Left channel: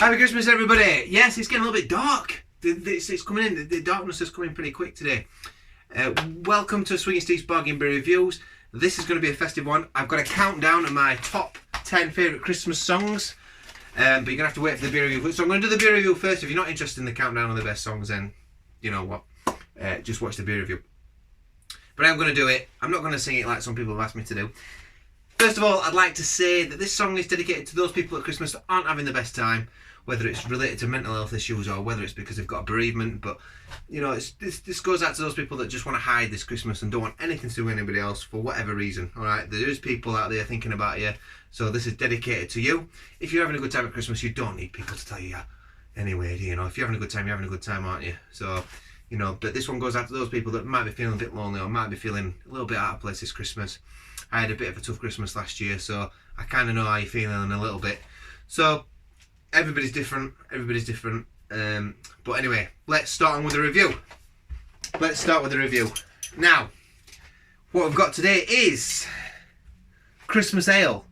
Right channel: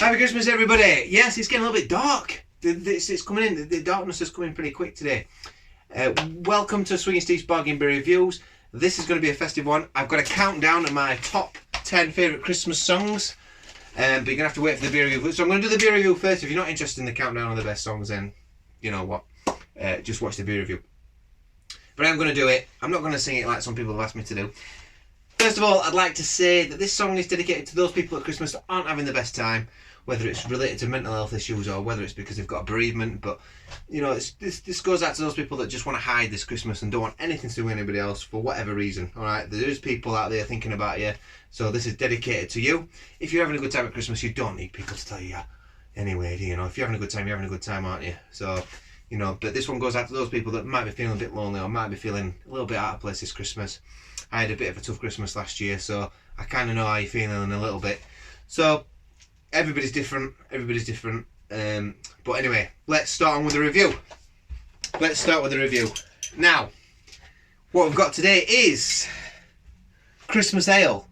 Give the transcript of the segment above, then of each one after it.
Happy Christmas, everybody. Yes, it's getting a little bit dark. It's coming in. The darkness is coming pretty quick today. Welcome to Swinging Steve's Bargain Beer Reviews. This is going to be a festive one. I've got a countdown of my top 10 favourite Christmas songs. But you're going to have to wait for the beer review. So I'm going to do the beer review first. If you're not interested in the countdown of the best songs, then you know what. Just watch the beer review. But I'm going to do it. I'm not going to sing it like some people have asked me to do. First of all, I'd like to say that this song is dedicated to those people at Christmas that aren't having the best time, whether it's related to mental health issues or whether it's because they've got a bereavement. But, you know, this goes out to those people that just want to hide this Christmas and don't want anything to do with anybody else for whatever reason, all right? There is people out there thinking about you, so this is dedicated to you. If you're having a good time at Christmas, you don't need people to tell you anyway, you know. If you're having a good time, you're having a good time, aren't you? So, you know, but this one goes out to those people that might be feeling a bit lonely or might be feeling a little bit out of place this Christmas. I had a bit of a tough Christmas last year, so I kind of know how you're feeling a little bit. So, everybody's different. But anyway, let's start on with the review. Now, what we've got today is Christmas Ale.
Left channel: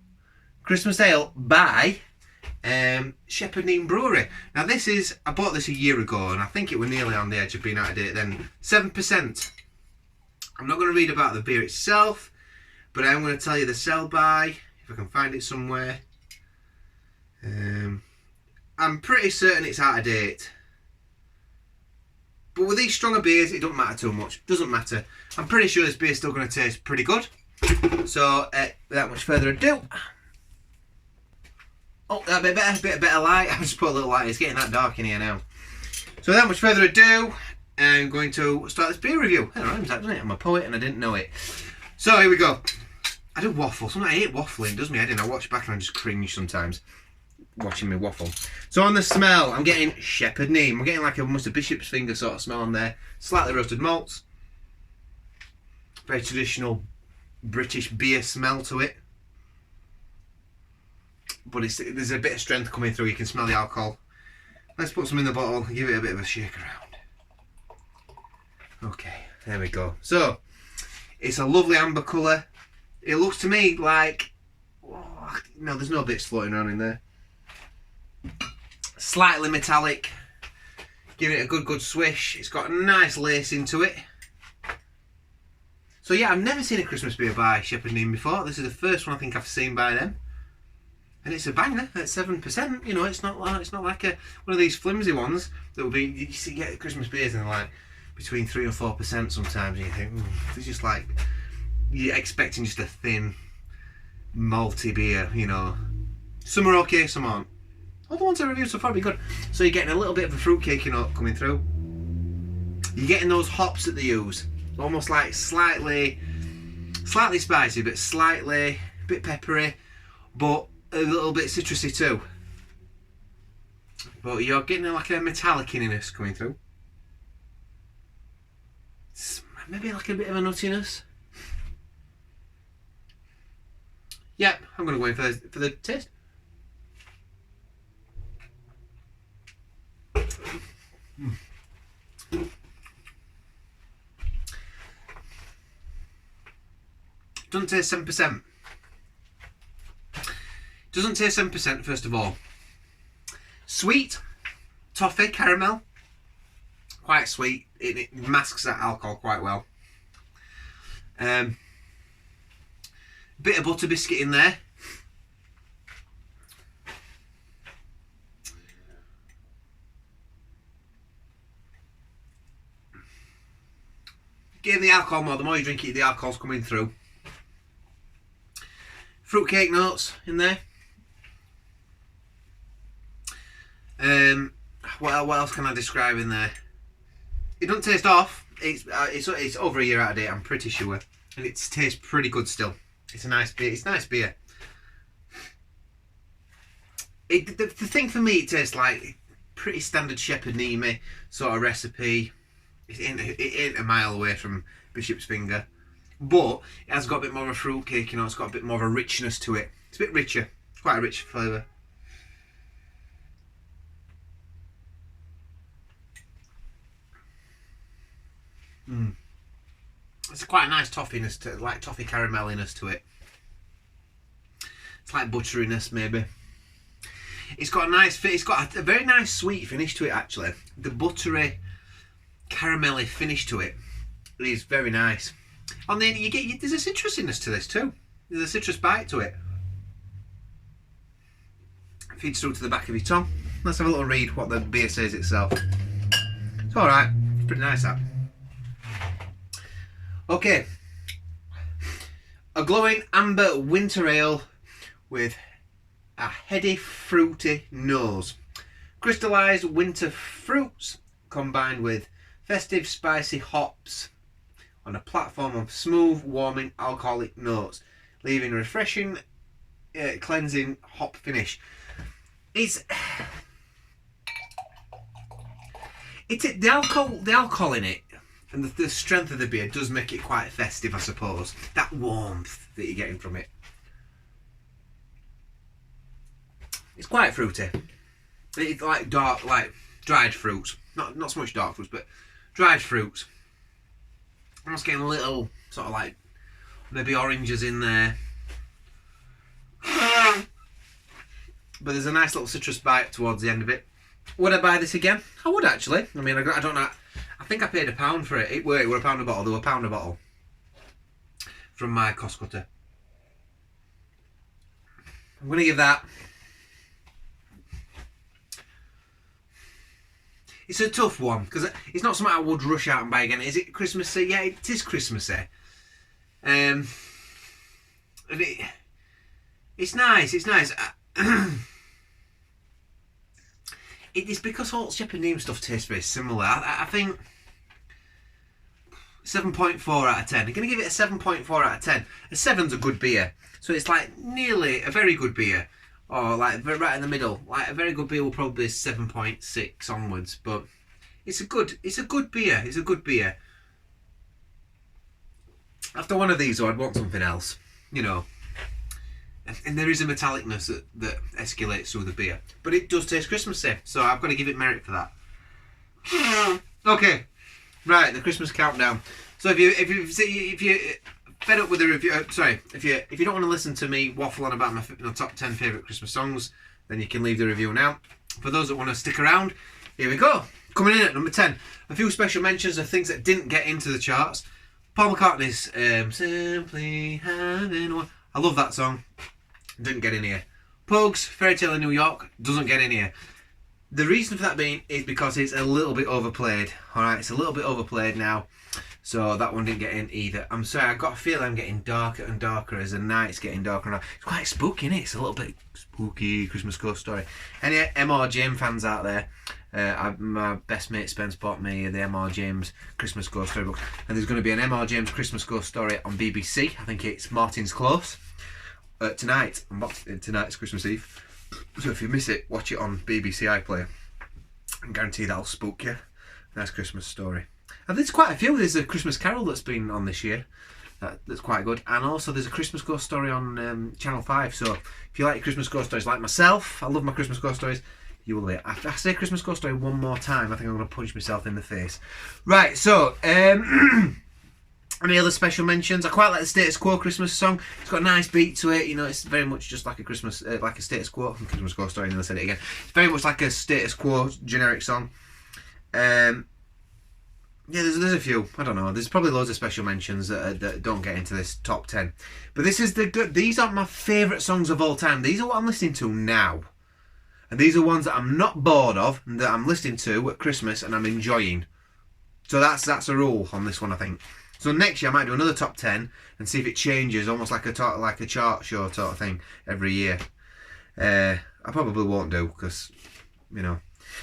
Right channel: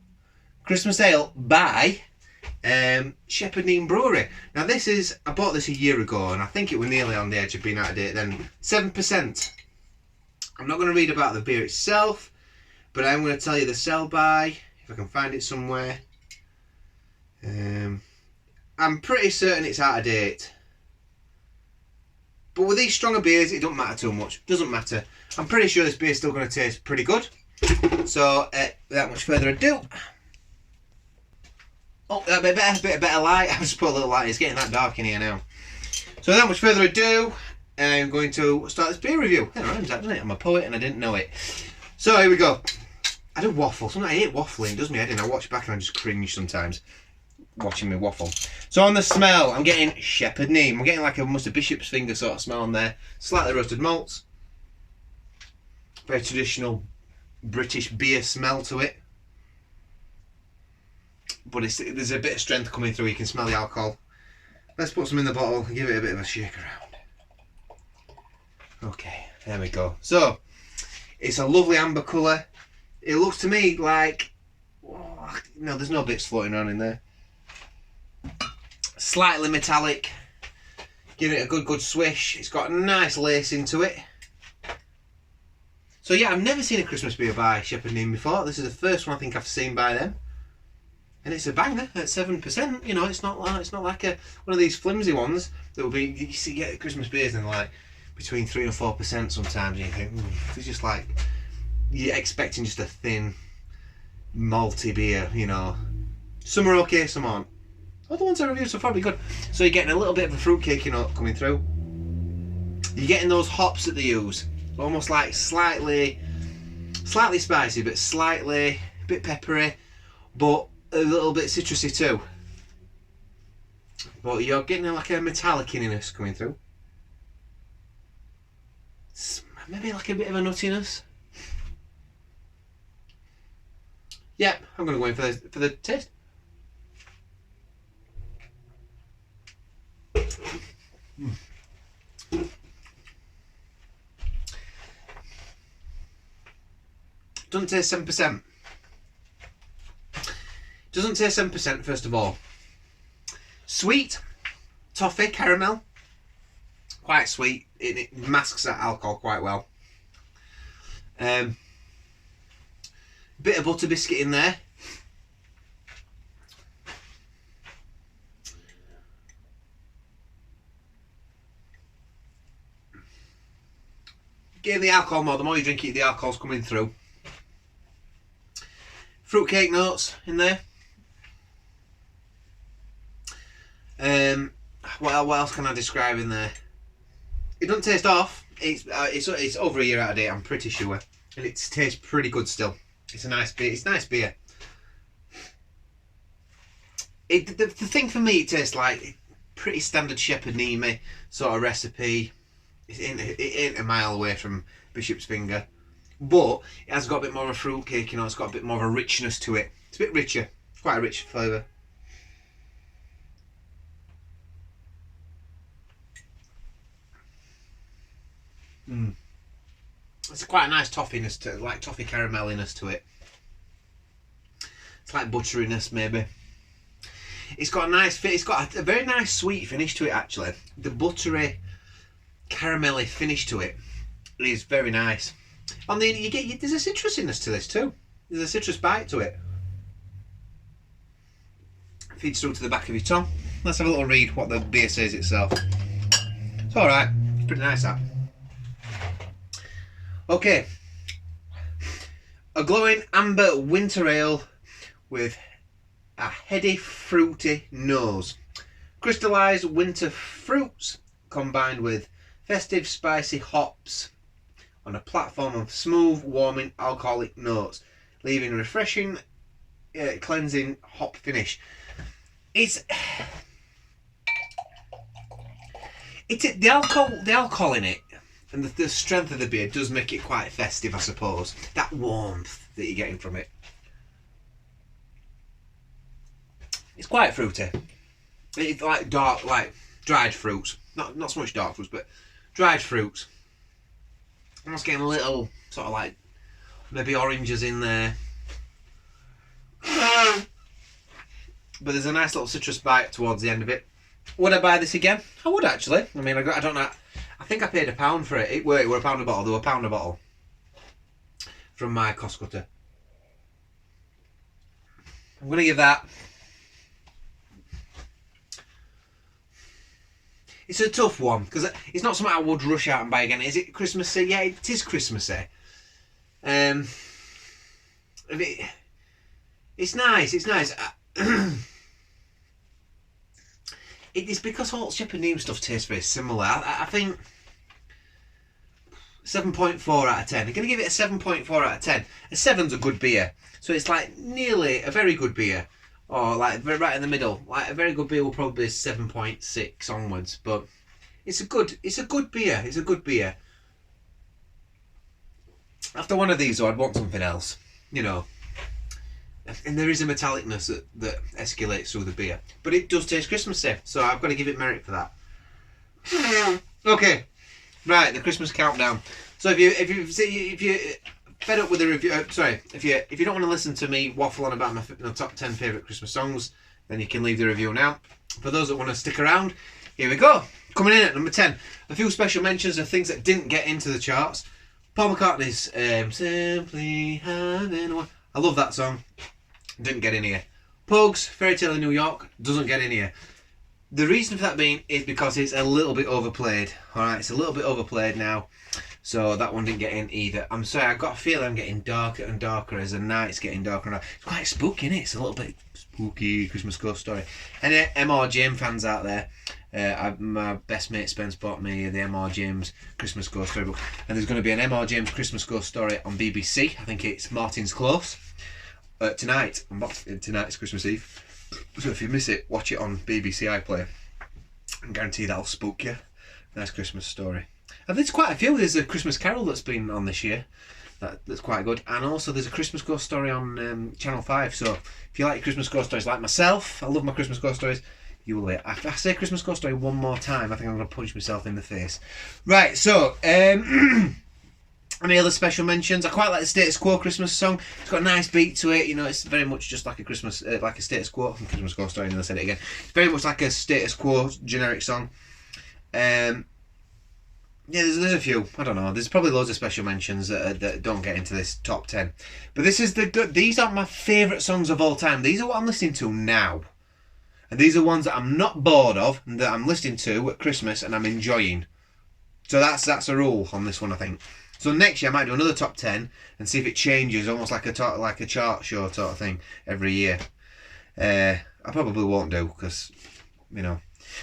Christmas Ale by Shepherd Neame Brewery. Now I bought this a year ago and I think it was nearly on the edge of being out of date then. 7%. I'm not going to read about the beer itself, but I'm going to tell you the sell by, if I can find it somewhere. I'm pretty certain it's out of date. But with these stronger beers, it don't matter too much. Doesn't matter. I'm pretty sure this beer's still going to taste pretty good. So, without much further ado. Oh, a bit better light. I've just put a little light. It's getting that dark in here now. So, without much further ado, I'm going to start this beer review. It rhymes, doesn't it? I'm a poet and I didn't know it. So, here we go. I do waffle. Sometimes I hate waffling. It does me head in. I watch back and I just cringe sometimes watching me waffle. So on the smell, I'm getting Shepherd Neame. I'm getting like almost a bishop's finger sort of smell on there. Slightly roasted malts. Very traditional British beer smell to it. But there's a bit of strength coming through. You can smell the alcohol. Let's put some in the bottle and give it a bit of a shake around. Okay, there we go. So, it's a lovely amber colour. It looks to me like... Oh, no, there's no bits floating around in there. Slightly metallic. Give it a good swish. It's got a nice lace into it. So yeah, I've never seen a Christmas beer by Shepherd Neame before. This is the first one I think I've seen by them. And it's a banger at 7%. You know, it's not like one of these flimsy ones that will be, you see, get Christmas beers and like between 3 and 4% sometimes, and you think, it's just like, you're expecting just a thin, malty beer, you know. Some are okay, some aren't. All the ones I reviewed so far be good. So you're getting a little bit of a fruitcake, you know, coming through. You're getting those hops that they use. Almost like slightly spicy, but a bit peppery, but a little bit citrusy too. But you're getting like a metallic-iness coming through. Maybe like a bit of a nuttiness. Yep, I'm going to go in for the taste. Doesn't taste 7%. Doesn't taste 7%, first of all. Sweet, toffee, caramel. Quite sweet. It masks that alcohol quite well. Bit of butter biscuit in there. Getting the alcohol more, the more you drink it, the alcohol's coming through. Fruitcake notes in there. What else can I describe in there? It doesn't taste off. It's over a year out of date, I'm pretty sure, and it tastes pretty good still. It's a nice beer. It's nice beer. The thing for me, it tastes like pretty standard Shepherd Neame sort of recipe. It ain't a mile away from Bishop's Finger, but it has got a bit more of a fruitcake, you know. It's got a bit more of a richness to it. It's a bit richer, quite a rich flavour. It's quite a nice toffiness to it, like toffee carameliness to it. It's like butteriness maybe. It's got a nice fit. It's got a very nice sweet finish to it, actually. The buttery, caramelly finish to it is very nice. And then there's a citrusiness to this too. There's a citrus bite to it. Feeds through to the back of your tongue. Let's have a little read what the beer says itself. It's alright. It's pretty nice, that. Okay. A glowing amber winter ale with a heady, fruity nose. Crystallised winter fruits combined with festive, spicy hops on a platform of smooth, warming, alcoholic notes, leaving a refreshing, cleansing hop finish. It's the alcohol in it, and the strength of the beer does make it quite festive, I suppose. That warmth that you're getting from it. It's quite fruity. It's like dark, like dried fruits. Not so much dark fruits, but dried fruits. I'm just getting a little sort of like maybe oranges in there. But there's a nice little citrus bite towards the end of it. Would I buy this again? I would, actually. I mean, I don't know. I think I paid £1 for it. It were £1 a bottle. They were £1 a bottle from my cost cutter. I'm going to give that. It's a tough one because it's not something I would rush out and buy again. Is it Christmassy? Yeah, it is Christmassy. It's nice. It's nice. It's because Hall's Shepherd Neame stuff tastes very similar. I think 7.4 out of 10. I'm going to give it a 7.4 out of 10. A 7's a good beer. So it's like nearly a very good beer. Or like right in the middle. Like a very good beer will probably be 7.6 onwards. But it's a good beer. It's a good beer. After one of these though, I'd want something else. You know. And there is a metallicness that escalates through the beer. But it does taste Christmassy, so I've got to give it merit for that. Okay, right, the Christmas countdown. So if you're fed up with the review, if you don't want to listen to me waffle on about my top 10 favourite Christmas songs, then you can leave the review now. For those that want to stick around, here we go. Coming in at number 10. A few special mentions of things that didn't get into the charts. Paul McCartney's Simply Having One. I love that song. Didn't get in here. Pogues, Fairy Tale in New York, doesn't get in here. The reason for that being is because it's a little bit overplayed. Alright, it's a little bit overplayed now. So that one didn't get in either. I'm sorry, I've got a feeling I'm getting darker and darker as the night's getting darker and darker. It's quite spooky, isn't it? It's a little bit spooky Christmas ghost story. Any M.R. James fans out there, my best mate Spence bought me the M.R. James Christmas Ghost Story book. And there's going to be an M.R. James Christmas Ghost Story on BBC. I think it's Martin's Close. Tonight. Tonight's Christmas Eve. So if you miss it, watch it on BBC iPlayer. I guarantee that'll spook you. Nice Christmas story. And there's quite a few. There's a Christmas Carol that's been on this year. That's quite good. And also there's a Christmas Ghost Story on Channel 5. So if you like Christmas Ghost Stories like myself, I love my Christmas Ghost Stories, you will. If I say Christmas Ghost Story one more time, I think I'm going to punch myself in the face. Right, so any other special mentions? I quite like the Status Quo Christmas song. It's got a nice beat to it. You know, it's very much just like a Christmas, like a Status Quo. Christmas Ghost Story, and then I said it again. It's very much like a Status Quo generic song. Yeah, there's a few. I don't know. There's probably loads of special mentions that don't get into this top 10. But this is these aren't my favourite songs of all time. These are what I'm listening to now. And these are ones that I'm not bored of and that I'm listening to at Christmas and I'm enjoying. So that's a rule on this one, I think. So next year I might do another top 10 and see if it changes, almost like a chart show sort of thing every year. I probably won't do because, you know.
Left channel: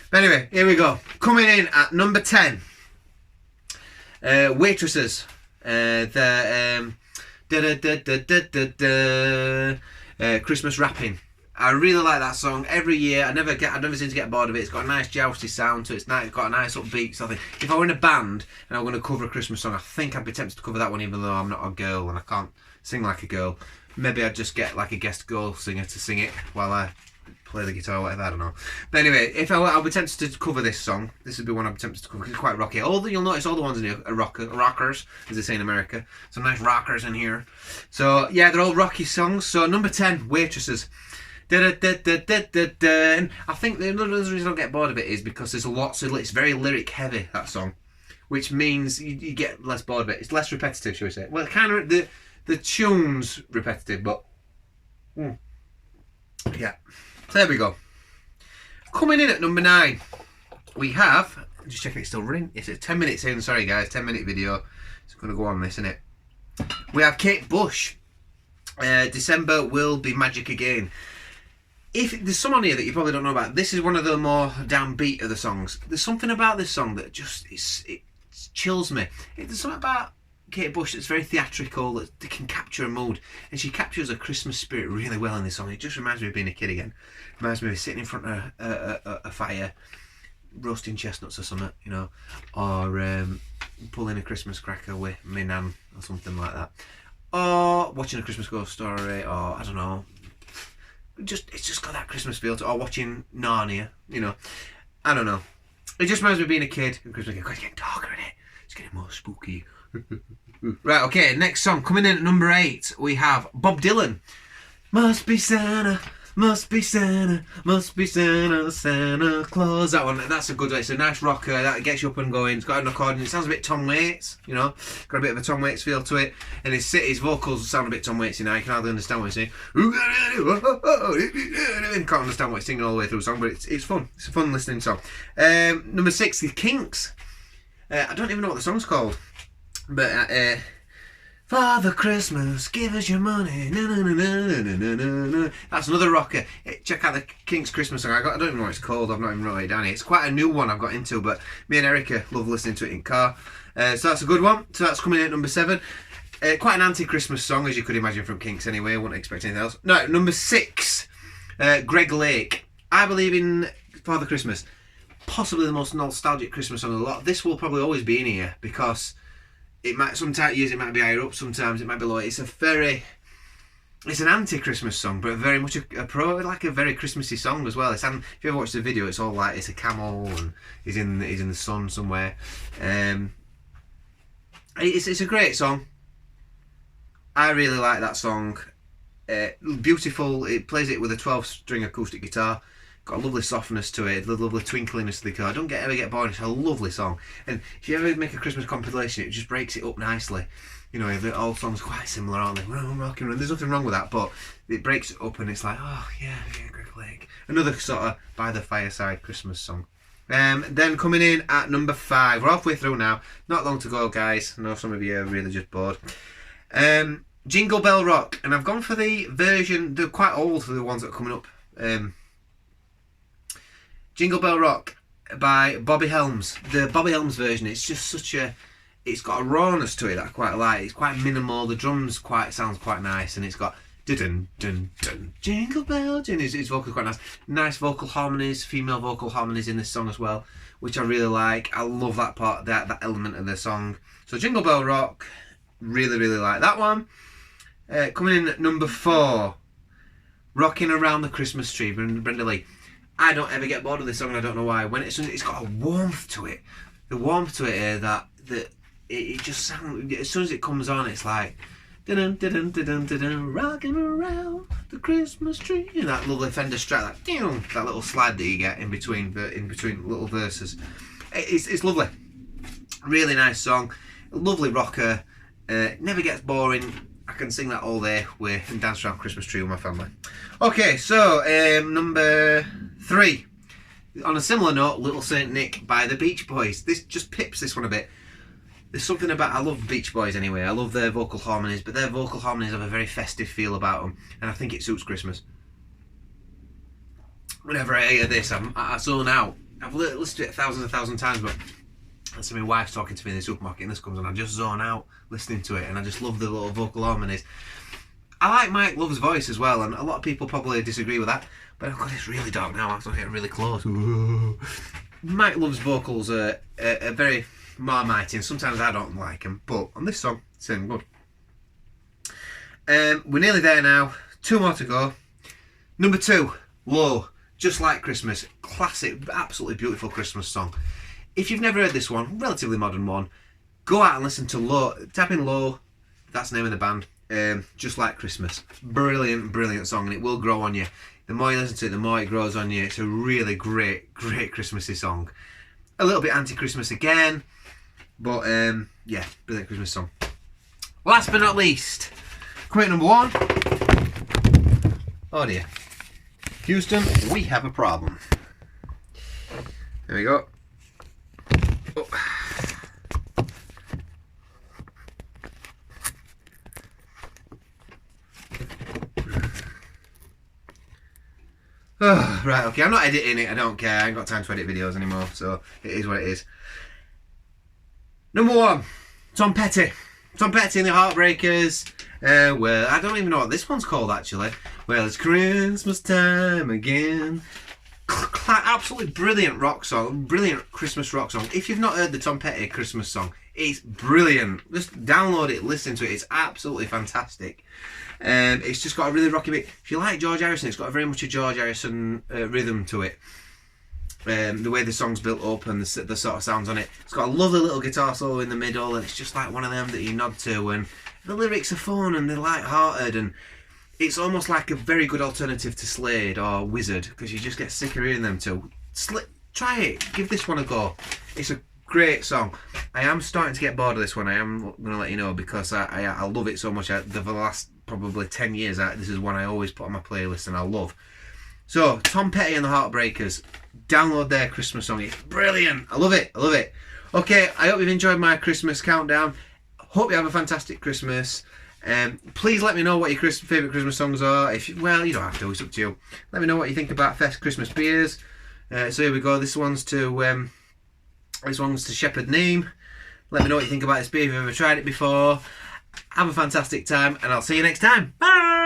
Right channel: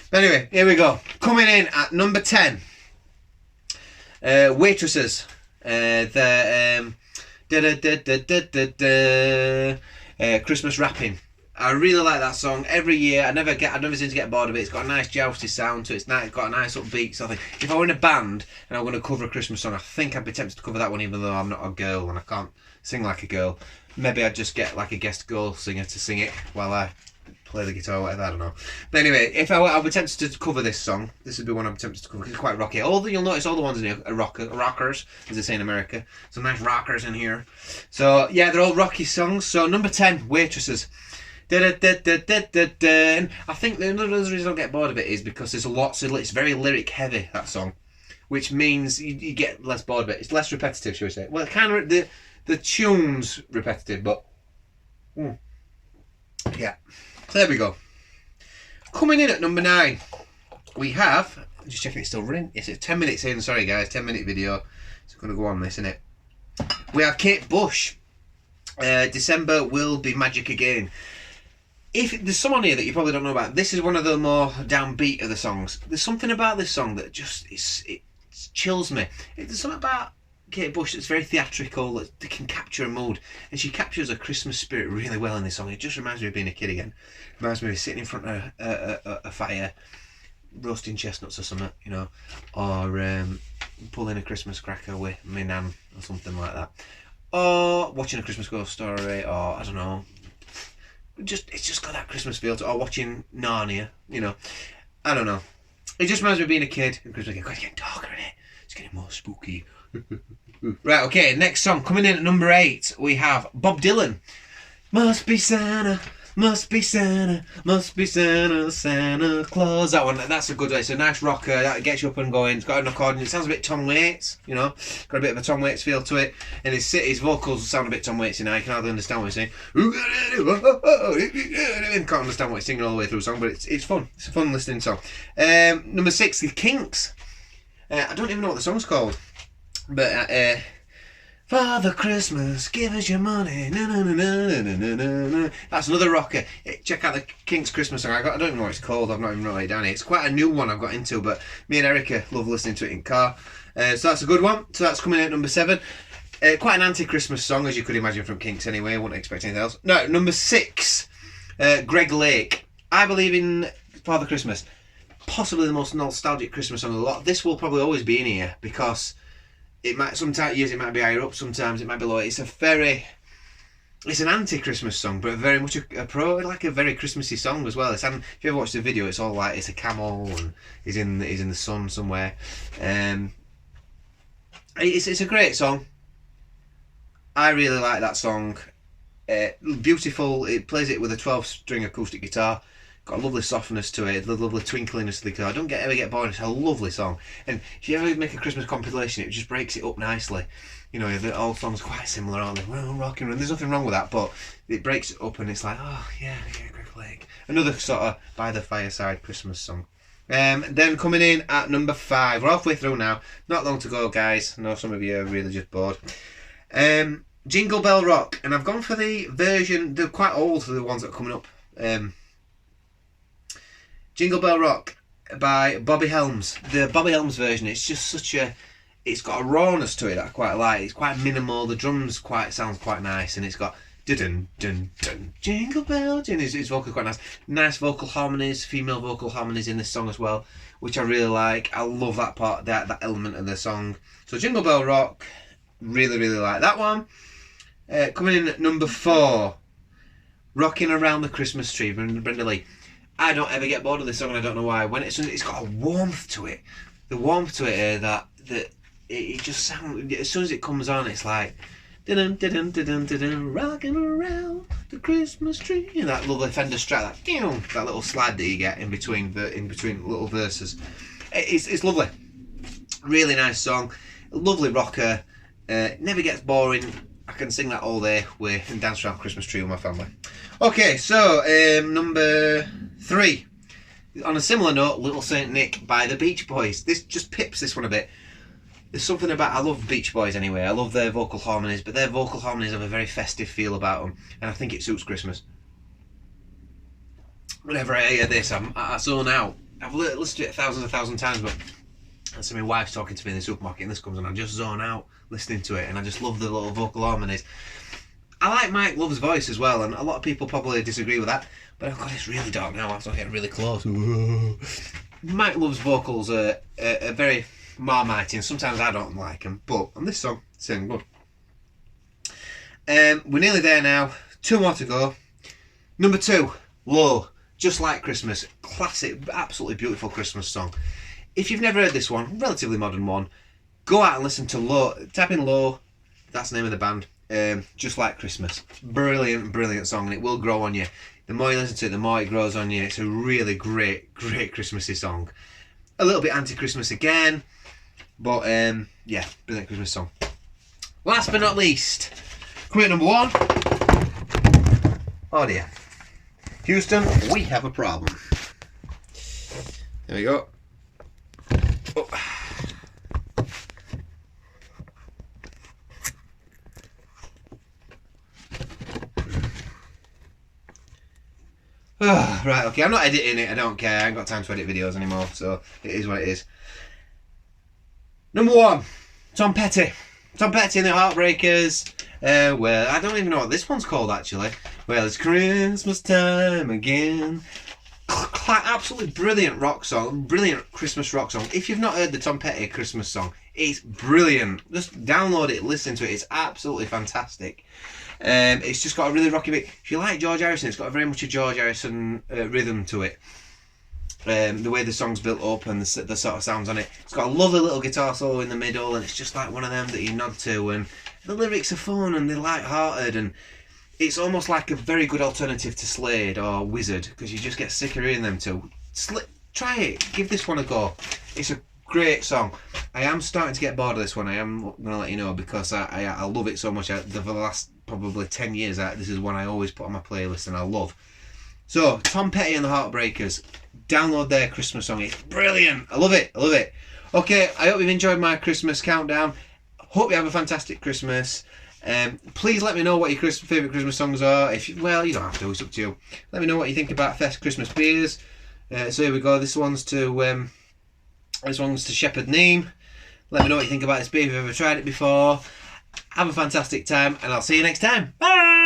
But anyway, here we go. Coming in at number 10. Waitresses. Christmas Rapping. I really like that song. Every year, I never seem to get bored of it. It's got a nice jousty sound to it. It's got a nice upbeat sort of thing. If I were in a band and I were going to cover a Christmas song, I think I'd be tempted to cover that one, even though I'm not a girl and I can't sing like a girl. Maybe I'd just get like a guest girl singer to sing it while I play the guitar or whatever, I don't know. But anyway, if I were tempted to cover this song, this would be one I'm tempted to cover because it's quite rocky. You'll notice all the ones in here are rockers, as they say in America. Some nice rockers in here. So yeah, they're all rocky songs. So number 10, Waitresses. And I think the other reason I don't get bored of it is because there's lots of, it's very lyric heavy, that song, which means you get less bored of it. It's less repetitive, shall we say. Well, kind of the tune's repetitive, but yeah. So there we go. Coming in at number 9, we have, just checking it's still running. Yes, it's 10 minutes in. Sorry guys, 10-minute video. It's going to go on this, isn't it? We have Kate Bush. December will be magic again. If there's some on here that you probably don't know about, this is one of the more downbeat of the songs. There's something about this song that just it chills me. There's something about Kate Bush that's very theatrical, that can capture a mood, and she captures a Christmas spirit really well in this song. It just reminds me of being a kid again. It reminds me of sitting in front of a fire, roasting chestnuts or something, you know, or pulling a Christmas cracker with my nan or something like that, or watching a Christmas Ghost Story, or I don't know. It's just got that Christmas feel to it, or watching Narnia, you know. I don't know. It just reminds me of being a kid. And Christmas it's getting darker in it. It's getting more spooky. Right, okay, next song. Coming in at number 8, we have Bob Dylan. Must be Santa, must be Santa, must be Santa, Santa Claus. That one, that's a good one. It's a nice rocker. That gets you up and going. It's got an accordion. It sounds a bit Tom Waits, you know. Got a bit of a Tom Waits feel to it. And his vocals sound a bit Tom Waits, you know. You can hardly understand what he's saying. Can't understand what he's singing all the way through the song, but it's fun. It's a fun listening song. Number 6, The Kinks. I don't even know what the song's called. But Father Christmas, give us your money. Na, na, na, na, na, na, na. That's another rocker. Check out the Kinks Christmas song. I don't even know what it's called. I've not even wrote it down here. It's quite a new one I've got into, but me and Erica love listening to it in car. So that's a good one. So that's coming in at number 7. Quite an anti-Christmas song, as you could imagine from Kinks anyway. I wouldn't expect anything else. No, number 6, Greg Lake. I Believe in Father Christmas. Possibly the most nostalgic Christmas song of the lot. This will probably always be in here because it might, sometimes years it might be higher up, sometimes it might be lower. It's an anti-Christmas song, but very much a very Christmassy song as well. If you ever watch the video, it's all like it's a camel and he's in the sun somewhere. It's a great song. I really like that song. Beautiful. It plays it with a 12-string acoustic guitar. Got a lovely softness to it, a lovely twinkliness to the guitar. Don't ever get bored. It's a lovely song. And if you ever make a Christmas compilation, it just breaks it up nicely. You know, all songs are quite similar, aren't they? We're all rocking around. There's nothing wrong with that, but it breaks it up and it's like, oh yeah, Greg Lake. Another sort of by the fireside Christmas song. Then coming in at number 5. We're halfway through now. Not long to go, guys. I know some of you are really just bored. Jingle Bell Rock. And I've gone for the version, they're quite old for the ones that are coming up. Jingle Bell Rock by Bobby Helms. The Bobby Helms version, it's just it's got a rawness to it that I quite like. It's quite minimal. The drums sounds quite nice, and it's got dun dun dun Jingle Bell. His vocals quite nice. Nice vocal harmonies, female vocal harmonies in this song as well, which I really like. I love that part, that element of the song. So Jingle Bell Rock, really like that one. Coming in at number 4, Rocking Around the Christmas Tree, Brenda Lee. I don't ever get bored of this song, and I don't know why. When it's got a warmth to it. The warmth to it that it just sounds, as soon as it comes on, it's like dun dun dun dun dun, rocking around the Christmas tree. And that lovely Fender Strat, that little slide that you get in between little verses. It's lovely. Really nice song. Lovely rocker. Never gets boring. I can sing that all day and dance around Christmas tree with my family. Okay, so number 3. On a similar note, Little Saint Nick by the Beach Boys. This just pips this one a bit. There's something about, I love Beach Boys anyway. I love their vocal harmonies, but their vocal harmonies have a very festive feel about them, and I think it suits Christmas. Whenever I hear this, I zone out. I've listened to it a thousand times, but that's my wife's talking to me in the supermarket and this comes on, I just zone out listening to it, and I just love the little vocal harmonies. I like Mike Love's voice as well, and a lot of people probably disagree with that, but I've got it's really dark now, I have to get really close. Mike Love's vocals are very marmite, and sometimes I don't like them, but on this song, it's sounding good. We're nearly there now, 2 more to go. Number 2, Low, Just Like Christmas. Classic, absolutely beautiful Christmas song. If you've never heard this one, relatively modern one, go out and listen to Low. Type in Low, that's the name of the band. Just Like Christmas. Brilliant song, and it will grow on you. The more you listen to it, the more it grows on you. It's a really great Christmassy song. A little bit anti-Christmas again, but yeah, brilliant Christmas song. Last but not least, coming at number 1. Oh dear. Houston, we have a problem. There we go. Oh. Oh, right, okay, I'm not editing it, I don't care, I ain't got time to edit videos anymore, so it is what it is. Number 1, Tom Petty. Tom Petty and the Heartbreakers. Well, I don't even know what this one's called actually. Well, it's Christmas time again. Absolutely brilliant rock song, brilliant Christmas rock song. If you've not heard the Tom Petty Christmas song, it's brilliant. Just download it, listen to it, it's absolutely fantastic. It's just got a really rocky beat. If you like George Harrison, it's got very much a George Harrison rhythm to it. The way the song's built up and the sort of sounds on it. It's got a lovely little guitar solo in the middle, and it's just like one of them that you nod to, and the lyrics are fun and they're light-hearted, and it's almost like a very good alternative to Slade or Wizard, because you just get sick of hearing them two. Try it, give this one a go. It's a great song. I am starting to get bored of this one, I am going to let you know, because I love it so much. For the last probably 10 years, this is one I always put on my playlist and I love. So, Tom Petty and the Heartbreakers, download their Christmas song. It's brilliant. I love it. I love it. Okay, I hope you've enjoyed my Christmas countdown. Hope you have a fantastic Christmas. Please let me know what your favourite Christmas songs are. Well, you don't have to. It's up to you. Let me know what you think about Christmas beers. So here we go. This one's to Shepherd Neame. Let me know what you think about this beer if you've ever tried it before. Have a fantastic time, and I'll see you next time. Bye.